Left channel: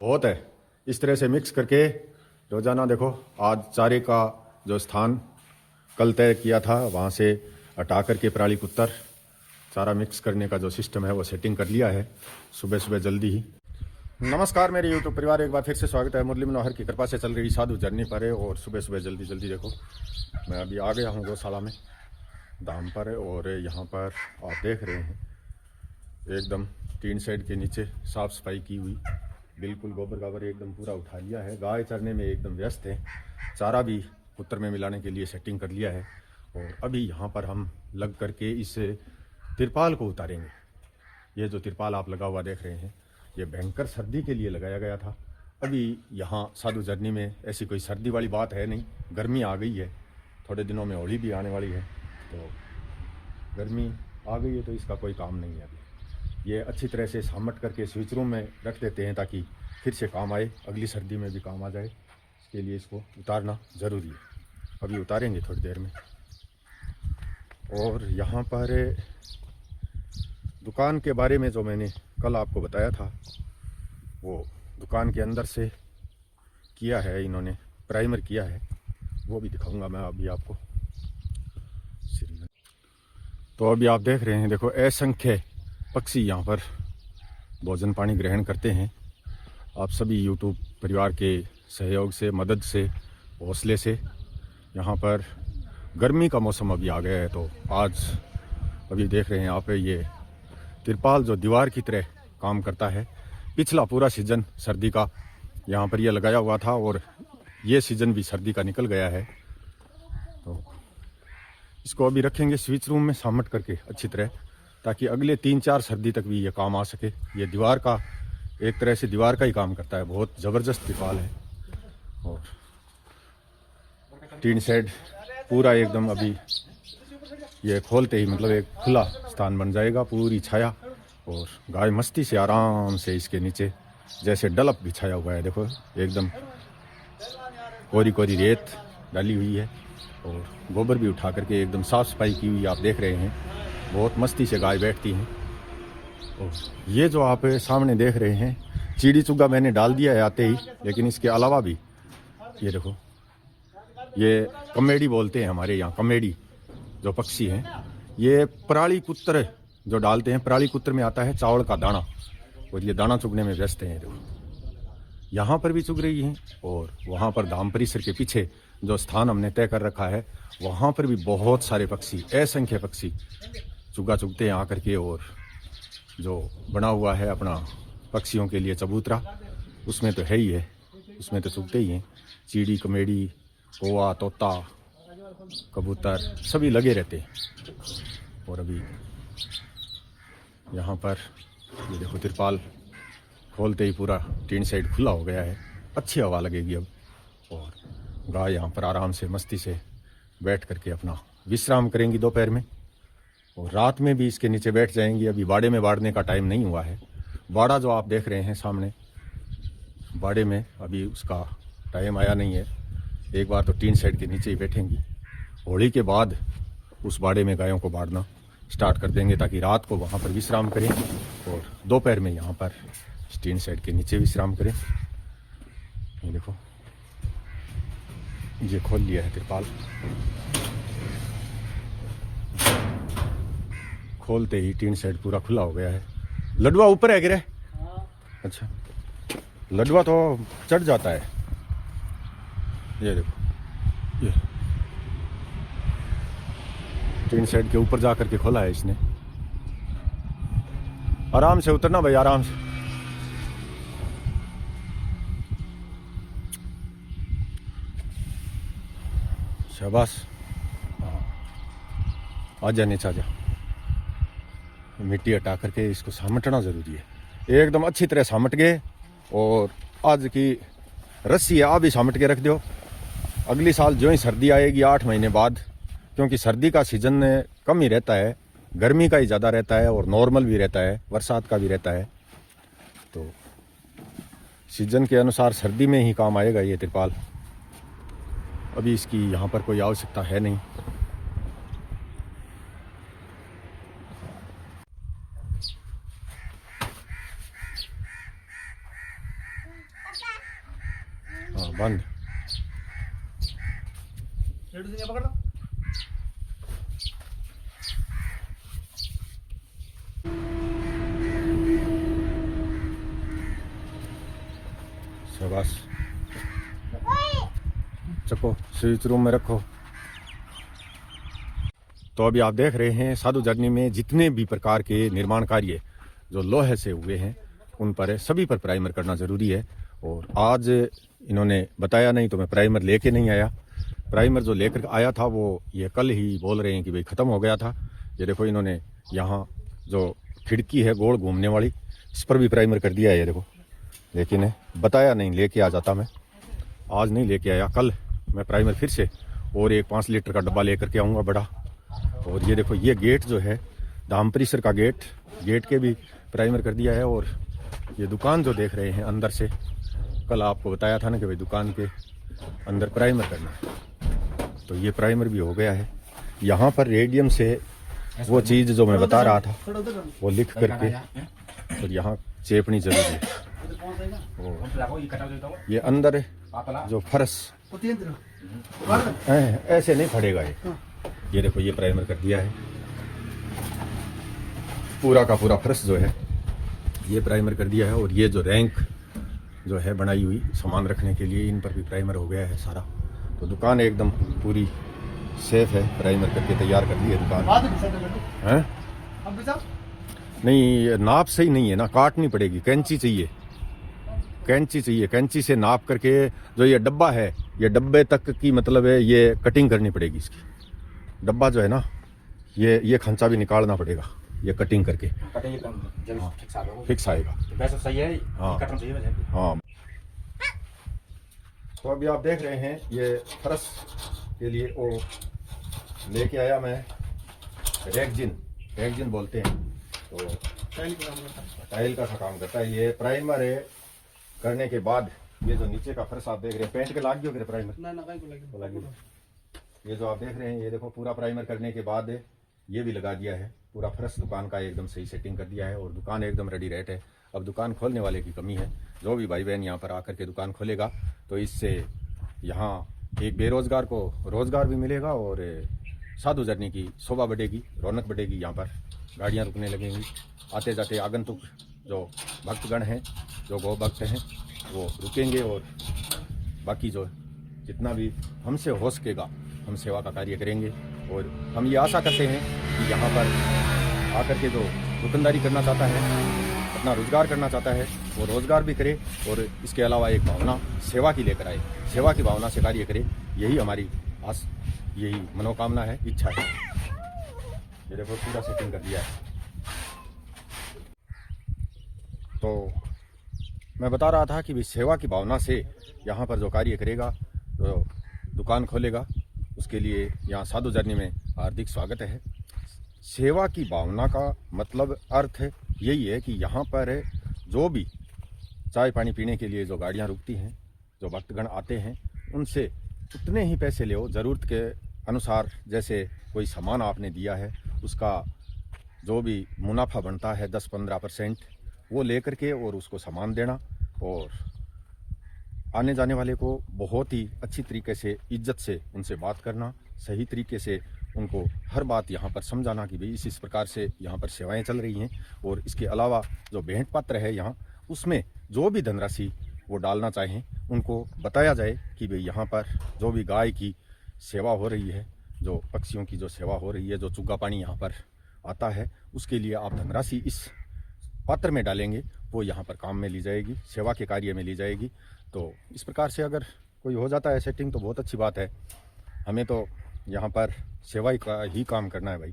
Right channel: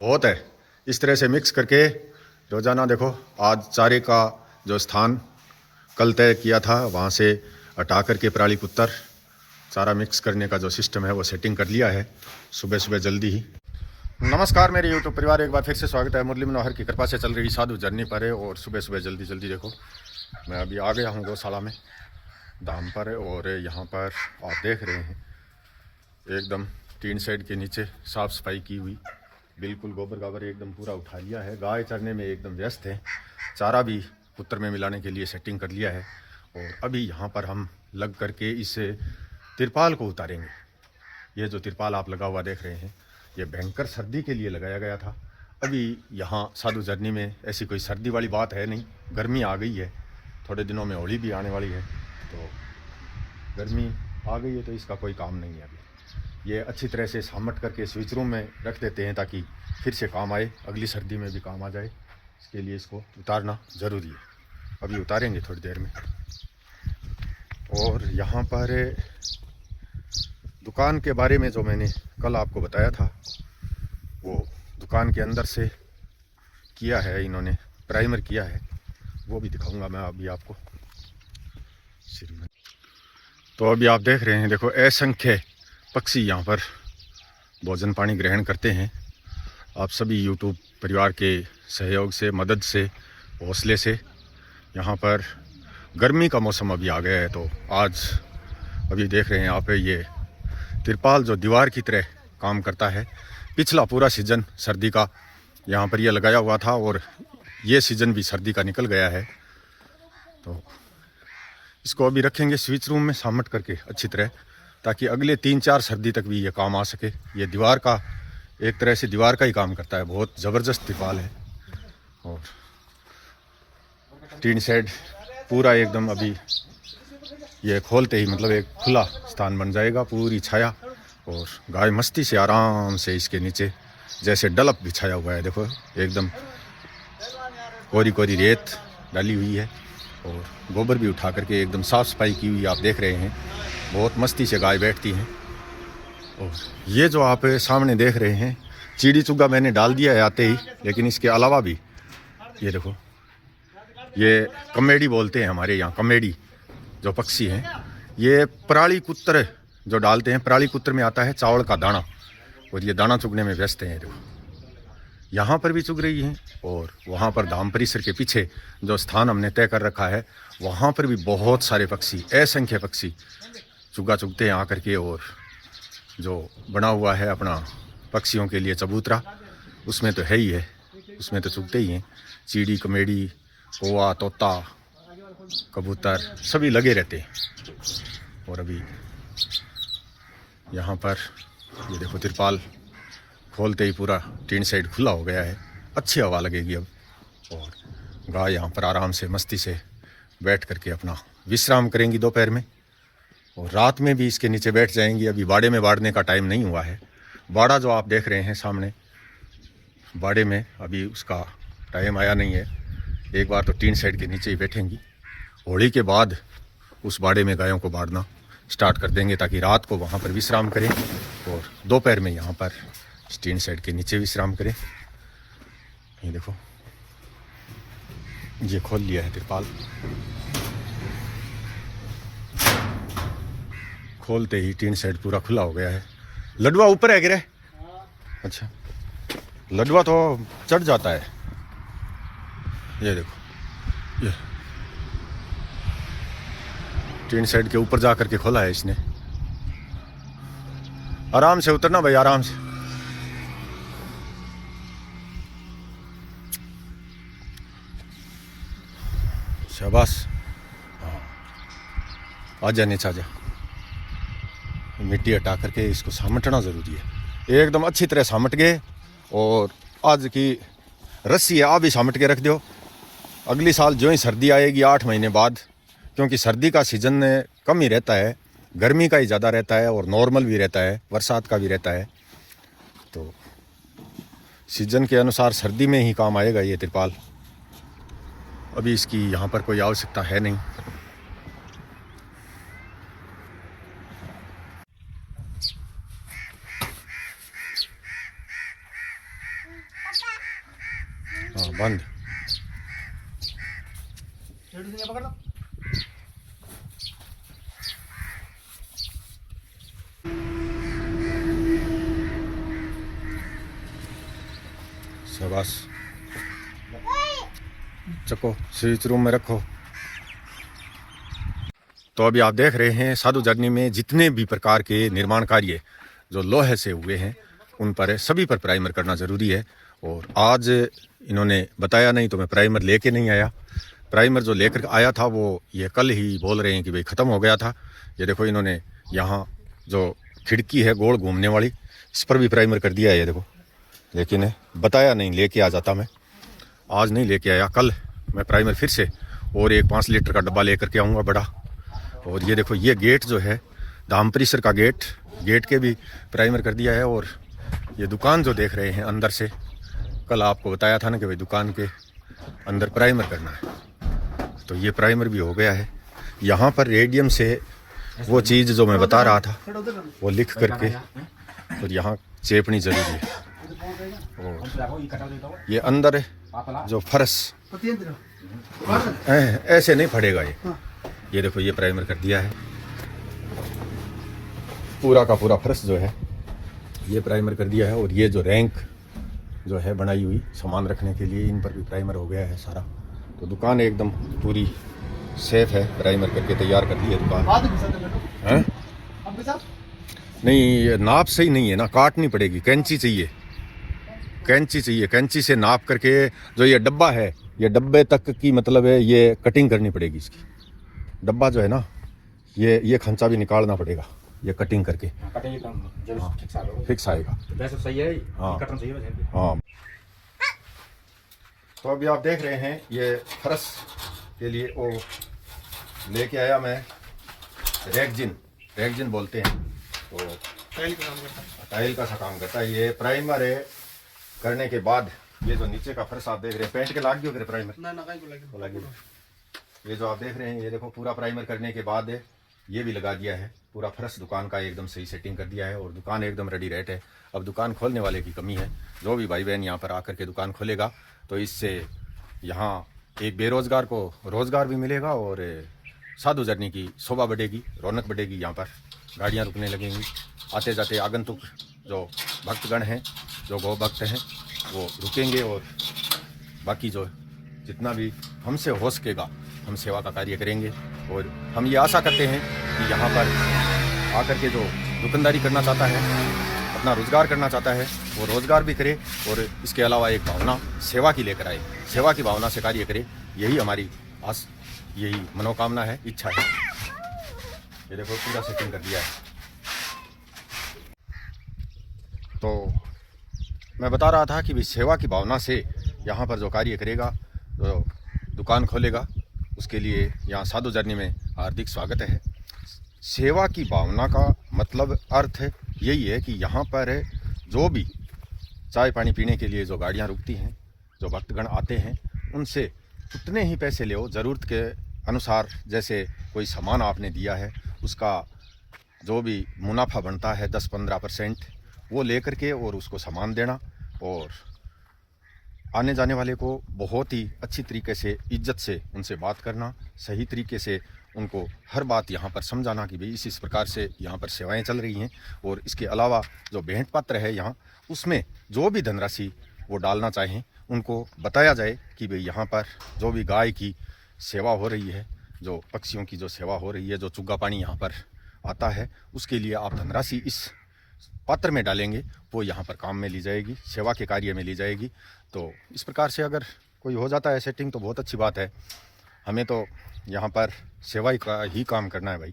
बहुत है। इस तरह से मिक्स करके रोजाना देखो, आज चारे का जो स्थान कल तय किया था वहाँ से हटा करके पराली पुत्तर चारा मिक्स करने का जो सिस्टम है वो सेटिंग कर लिया है सुबह सुबह जल्दी ही। नमस्कार मेरे यूट्यूब परिवार, एक बार फिर से स्वागत है। मुरली मनोहर की कृपा से चल रही साधु जर्नी पर है और सुबह सुबह जल्दी जल्दी देखो मैं अभी आ गया हूँ गौशाला में धाम पर है। और यहाँ पर आप देख रहे हैं एकदम टीन शेड के नीचे साफ सफाई की हुई, बिल्कुल गोबर गाबर एकदम पूरा उठा लिया है। गाय चरने में एकदम व्यस्त है, चारा भी पुत्र में मिलाने के लिए सेटिंग कर लिया है। और अभी यहाँ पर हम लग करके इस तिरपाल को उतारेंगे। ये जो तिरपाल आप लगा हुआ देख रहे हैं ये भयंकर सर्दी के लिए लगाया गया था। अभी यहाँ साधु जर्नी में ऐसी कोई सर्दी वाली बात है नहीं, गर्मी आ गई है, थोड़े दिनों में होली भी आने वाली है, तो गर्मी आ गई है तो इसका कोई काम नहीं है। ये अच्छी तरह से सामट करके स्विच रूम में रख देते हैं ताकि फिर से काम आए, अगली सर्दी में भी काम आ जाए। इसके लिए इसको उतारना ज़रूरी है। अभी उतारेंगे थोड़ी देर में। और यहाँ पर दुकान के बारे में जो मैंने कल आपको बताया था वो दुकान के अंदर से किया है इन्होंने, प्राइमर किया है, वो भी दिखाऊंगा मैं अभी आपको। तो अभी आप देख रहे हैं देखो असंख्य पक्षी यहाँ पर भोजन पानी ग्रहण करते हैं। आप सभी यूट्यूब परिवार के सहयोग से, मदद से, हौसले से यहाँ पर गर्मी का मौसम अभी आ गया है। तो आज अभी देख रहे हैं आप ये तिरपाल जो दीवार की तरह काम करता है। पिछला पूरा सीजन सर्दी का यहाँ पर ये लगाया हुआ था और ये सीजन भी सर्दी का निकल गया है। तो इसको अभी रखेंगे स्विच रूम में सामट करके अच्छी तरह, ताकि अगले 3-4 सर्दी तक भी ये काम आ सके। ये दीवार का एक तरह से दीवार का ही काम करता है, बहुत ज़बरदस्त तिरपाल है। और टीन शेड पूरा एकदम अभी ये खोलते ही मतलब एक खुला स्थान बन जाएगा, पूरी छाया। और गाय मस्ती से आराम से इसके नीचे जैसे डलप बिछाया हुआ है, देखो एकदम कोरी कोरी रेत डाली हुई है और गोबर भी उठा करके एकदम साफ़ सफाई की हुई आप देख रहे हैं। बहुत मस्ती से गाय बैठती हैं। और ये जो आप सामने देख रहे हैं चिड़ी चुग्गा मैंने डाल दिया है आते ही, लेकिन इसके अलावा भी ये देखो, ये कमेडी बोलते हैं हमारे यहाँ, कमेडी जो पक्षी है, ये पराली कुत्र जो डालते हैं। पराली कुत्र में आता है चावल का दाना और ये दाना चुगने में व्यस्त है। देखो यहाँ पर भी चुग रही है और वहाँ पर धाम परिसर के पीछे जो स्थान हमने तय कर रखा है वहाँ पर भी बहुत सारे पक्षी, असंख्य पक्षी चुग्गा चुगते हैं आकर के। और जो बना हुआ है अपना पक्षियों के लिए चबूतरा, उसमें तो है ही है, उसमें तो चुगते ही हैं। चिड़ी, कमेडी, कौवा, तोता, कबूतर सभी लगे रहते हैं। और अभी यहाँ पर ये देखो तिरपाल खोलते ही पूरा टीन शेड खुला हो गया है, अच्छी हवा लगेगी अब। और गाय यहाँ पर आराम से मस्ती से बैठ करके अपना विश्राम करेंगी दोपहर में, और रात में भी इसके नीचे बैठ जाएंगी। अभी बाड़े में बाड़ने का टाइम नहीं हुआ है। बाड़ा जो आप देख रहे हैं सामने, बाड़े में अभी उसका टाइम आया नहीं है। एक बार तो टीन शेड के नीचे ही बैठेंगी, होली के बाद उस बाड़े में गायों को बाड़ना स्टार्ट कर देंगे ताकि रात को वहाँ पर विश्राम करें और दोपहर में यहाँ पर टीन शेड के नीचे विश्राम करें। ये देखो ये खोल लिया है तिरपाल, खोलते ही टीन शेड पूरा खुला हो गया है। लडुआ ऊपर है गिरे? अच्छा, लडुआ तो चढ़ जाता है। ये देखो ये टीन शेड के ऊपर जा करके खोला है इसने। आराम से उतरना भाई, आराम से। शाबाश, आजा नीचे आजा। मिट्टी हटा करके इसको सामटना ज़रूरी है, एकदम अच्छी तरह सामट गए। और आज की रस्सी है, आप भी सामट के रख दो। अगली साल जो ही सर्दी आएगी 8 महीने बाद, क्योंकि सर्दी का सीजन कम ही रहता है, गर्मी का ही ज़्यादा रहता है और नॉर्मल भी रहता है, बरसात का भी रहता है। तो सीजन के अनुसार सर्दी में ही काम आएगा ये तिरपाल। अभी इसकी यहाँ पर कोई आवश्यकता है नहीं। हाँ बंद। शाबाश, चको स्विच रूम में रखो। तो अभी आप देख रहे हैं साधु झरनी में जितने भी प्रकार के निर्माण कार्य जो लोहे से हुए हैं उन पर सभी पर प्राइमर करना ज़रूरी है। और आज इन्होंने बताया नहीं तो मैं प्राइमर लेके नहीं आया। प्राइमर जो लेकर आया था वो ये कल ही बोल रहे हैं कि भाई ख़त्म हो गया था। ये देखो इन्होंने यहाँ जो खिड़की है गोल घूमने वाली इस पर भी प्राइमर कर दिया है, ये देखो। लेकिन बताया नहीं, लेके आ जाता मैं, आज नहीं लेके आया। कल मैं प्राइमर फिर से और एक 5 लीटर का डब्बा लेकर के आऊँगा बड़ा। और ये देखो ये गेट जो है धाम परिसर का गेट के भी प्राइमर कर दिया है। और ये दुकान जो देख रहे हैं अंदर से, कल आपको बताया था ना कि भाई दुकान के अंदर प्राइमर करना है, तो ये प्राइमर भी हो गया है। यहाँ पर रेडियम से वो चीज़ जो मैं बता रहा था वो लिख करके और यहाँ चेपनी जरूरी है। ये अंदर जो फर्श ऐसे नहीं फटेगा ये देखो ये प्राइमर कर दिया है। पूरा का पूरा फर्श जो है ये प्राइमर कर दिया है। और ये जो रैंक जो है बनाई हुई सामान रखने के लिए, इन पर भी प्राइमर हो गया है सारा। तो दुकान एकदम पूरी सेफ है, प्राइमर करके तैयार कर दी है दुकान। नहीं नाप सही नहीं है ना, काटनी पड़ेगी, कैंची चाहिए, कैंची से नाप करके जो ये डब्बा है ये डब्बे तक की मतलब है ये कटिंग करनी पड़ेगी इसकी। डब्बा जो है ना ये खंचा भी निकालना पड़ेगा, ये कटिंग करके फिक्स आएगा। सही है। हाँ। तो अभी आप देख रहे हैं ये फर्श के लिए लेके आया मैं रेगजिन बोलते हैं, तो टाइल का सा काम करता है। ये प्राइमर है करने के बाद ये जो नीचे का फर्श आप देख रहे हैं, पेंट के लाग गए प्राइमर ना ये जो आप देख रहे हैं ये देखो पूरा प्राइमर करने के बाद ये भी लगा दिया है। पूरा फर्श दुकान का एकदम सही सेटिंग कर दिया है और दुकान एकदम रेडी रेट है। अब दुकान खोलने वाले की कमी है। जो भी भाई बहन यहाँ पर आकर के दुकान खोलेगा तो इससे यहाँ एक बेरोजगार को रोजगार भी मिलेगा और साधु झरनी की शोभा बढ़ेगी, रौनक बढ़ेगी। यहाँ पर गाड़ियाँ रुकने लगेंगी, आते जाते आगंतुक जो भक्तगण हैं, जो गौ भक्त हैं वो रुकेंगे। और बाकी जो जितना भी हमसे हो सकेगा हम सेवा का कार्य करेंगे। और हम ये आशा करते हैं कि यहाँ पर आकर के जो दुकानदारी करना चाहता है, अपना रोजगार करना चाहता है वो रोजगार भी करे और इसके अलावा एक भावना सेवा की लेकर आए, सेवा की भावना से कार्य करे। यही हमारी आस, यही मनोकामना है, इच्छा है। ये देखो पूरा सेटिंग कर दिया है। तो मैं बता रहा था कि भाई सेवा की भावना से यहाँ पर जो कार्य करेगा, जो दुकान खोलेगा, उसके लिए यहाँ साधु झरनी में हार्दिक स्वागत है। सेवा की भावना का मतलब अर्थ यही है कि यहाँ पर जो भी चाय पानी पीने के लिए जो गाड़ियाँ रुकती हैं, जो भक्तगण आते हैं, उनसे उतने ही पैसे ले, ज़रूरत के अनुसार। जैसे कोई सामान आपने दिया है उसका जो भी मुनाफा बनता है 10-15% वो लेकर के और उसको सामान देना। और आने जाने वाले को बहुत ही अच्छी तरीके से इज्जत से उनसे बात करना, सही तरीके से उनको हर बात यहाँ पर समझाना कि भाई इस प्रकार से यहाँ पर सेवाएं चल रही हैं। और इसके अलावा जो भेंट पत्र है यहाँ, उसमें जो भी धनराशि वो डालना चाहें उनको बताया जाए कि भाई यहाँ पर जो भी गाय की सेवा हो रही है, जो पक्षियों की जो सेवा हो रही है, जो चुग्गा पानी यहाँ पर आता है, उसके लिए आप धनराशि इस पत्र में डालेंगे, वो यहाँ पर काम में ली जाएगी, सेवा के कार्य में ली जाएगी। तो इस प्रकार से अगर कोई हो जाता है सेटिंग तो बहुत अच्छी बात है। हमें तो यहाँ पर सेवा का ही काम करना है भाई।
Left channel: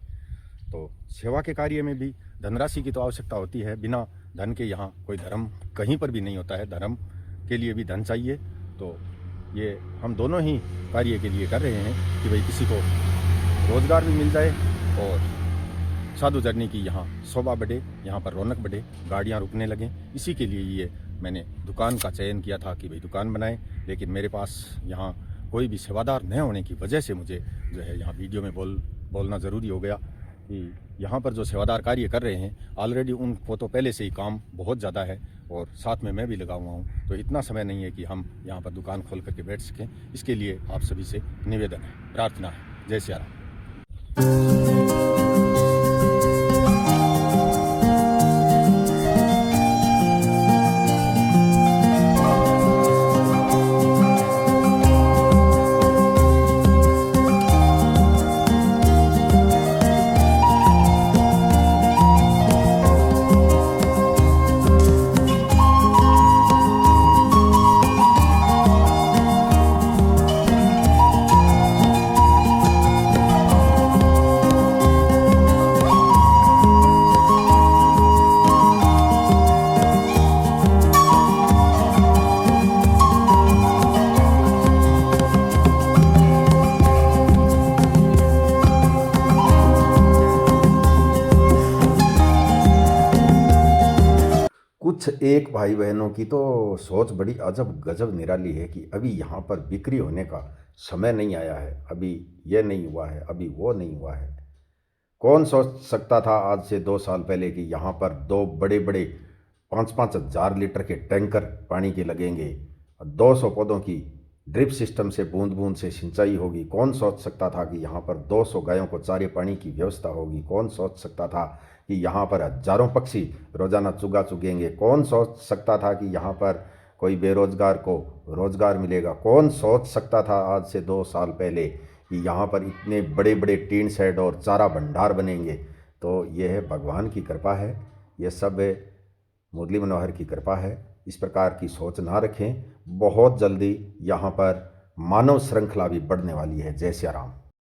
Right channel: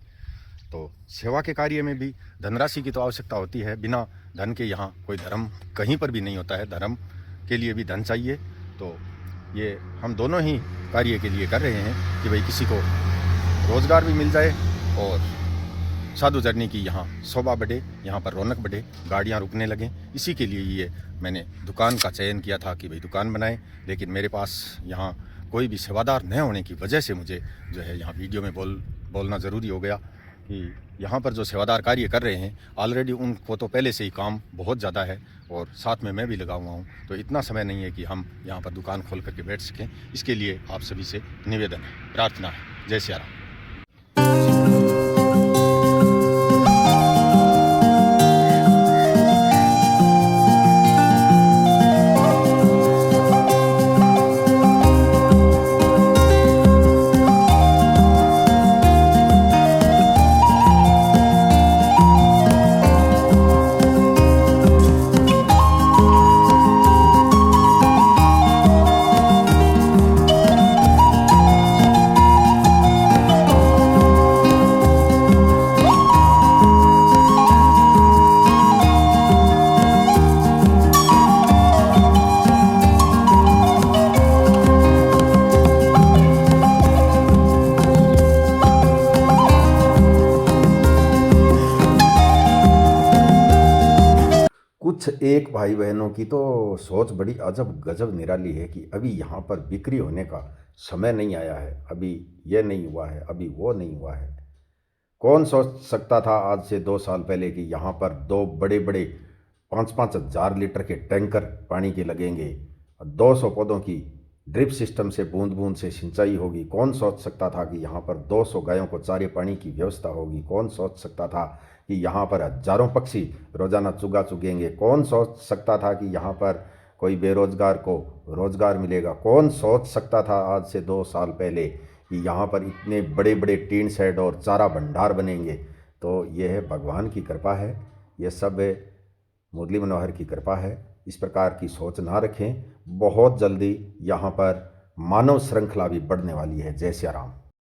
तो सेवा के कार्य में भी धनराशि की तो आवश्यकता होती है। बिना धन के यहाँ कोई धर्म कहीं पर भी नहीं होता है, धर्म के लिए भी धन चाहिए। तो ये हम दोनों ही कार्य के लिए कर रहे हैं कि भाई किसी को रोज़गार भी मिल जाए और साधु झरनी की यहाँ शोभा बढ़े, यहाँ पर रौनक बढ़े, गाड़ियाँ रुकने लगें। इसी के लिए ये मैंने दुकान का चयन किया था कि भाई दुकान बनाएं। लेकिन मेरे पास यहाँ कोई भी सेवादार न होने की वजह से मुझे जो है यहाँ वीडियो में बोलना ज़रूरी हो गया। कि यहाँ पर जो सेवादार कार्य कर रहे हैं ऑलरेडी उनको तो पहले से ही काम बहुत ज़्यादा है और साथ में मैं भी लगा हुआ हूँ, तो इतना समय नहीं है कि हम यहाँ पर दुकान खोल करके बैठ सकें। इसके लिए आप सभी से निवेदन है, प्रार्थना है। जय सिया राम। कुछ एक भाई बहनों की तो सोच बड़ी अजब गजब निराली है कि अभी यहाँ पर बिक्री होने का समय नहीं आया है, अभी यह नहीं हुआ है, अभी वो नहीं हुआ है। कौन सोच सकता था आज से 2 साल पहले कि यहाँ पर 2 बड़े बड़े 5-5 हजार लीटर के टैंकर पानी के लगेंगे, 200 पौधों की ड्रिप सिस्टम से बूंद बूंद से सिंचाई होगी। कौन सोच सकता था कि यहाँ पर 200 गायों को चारे पानी की व्यवस्था होगी। कौन सोच सकता था कि यहाँ पर हजारों पक्षी रोजाना चुगा चुगेंगे। कौन सोच सकता था कि यहाँ पर कोई बेरोजगार को रोजगार मिलेगा। कौन सोच सकता था आज से 2 साल पहले कि यहाँ पर इतने बड़े बड़े टीन शेड और चारा भंडार बनेंगे। तो यह भगवान की कृपा है, यह सब मुरली मनोहर की कृपा है। इस प्रकार की सोच ना रखें। बहुत जल्दी यहाँ पर मानव श्रृंखला भी बढ़ने वाली है। जय सिया राम।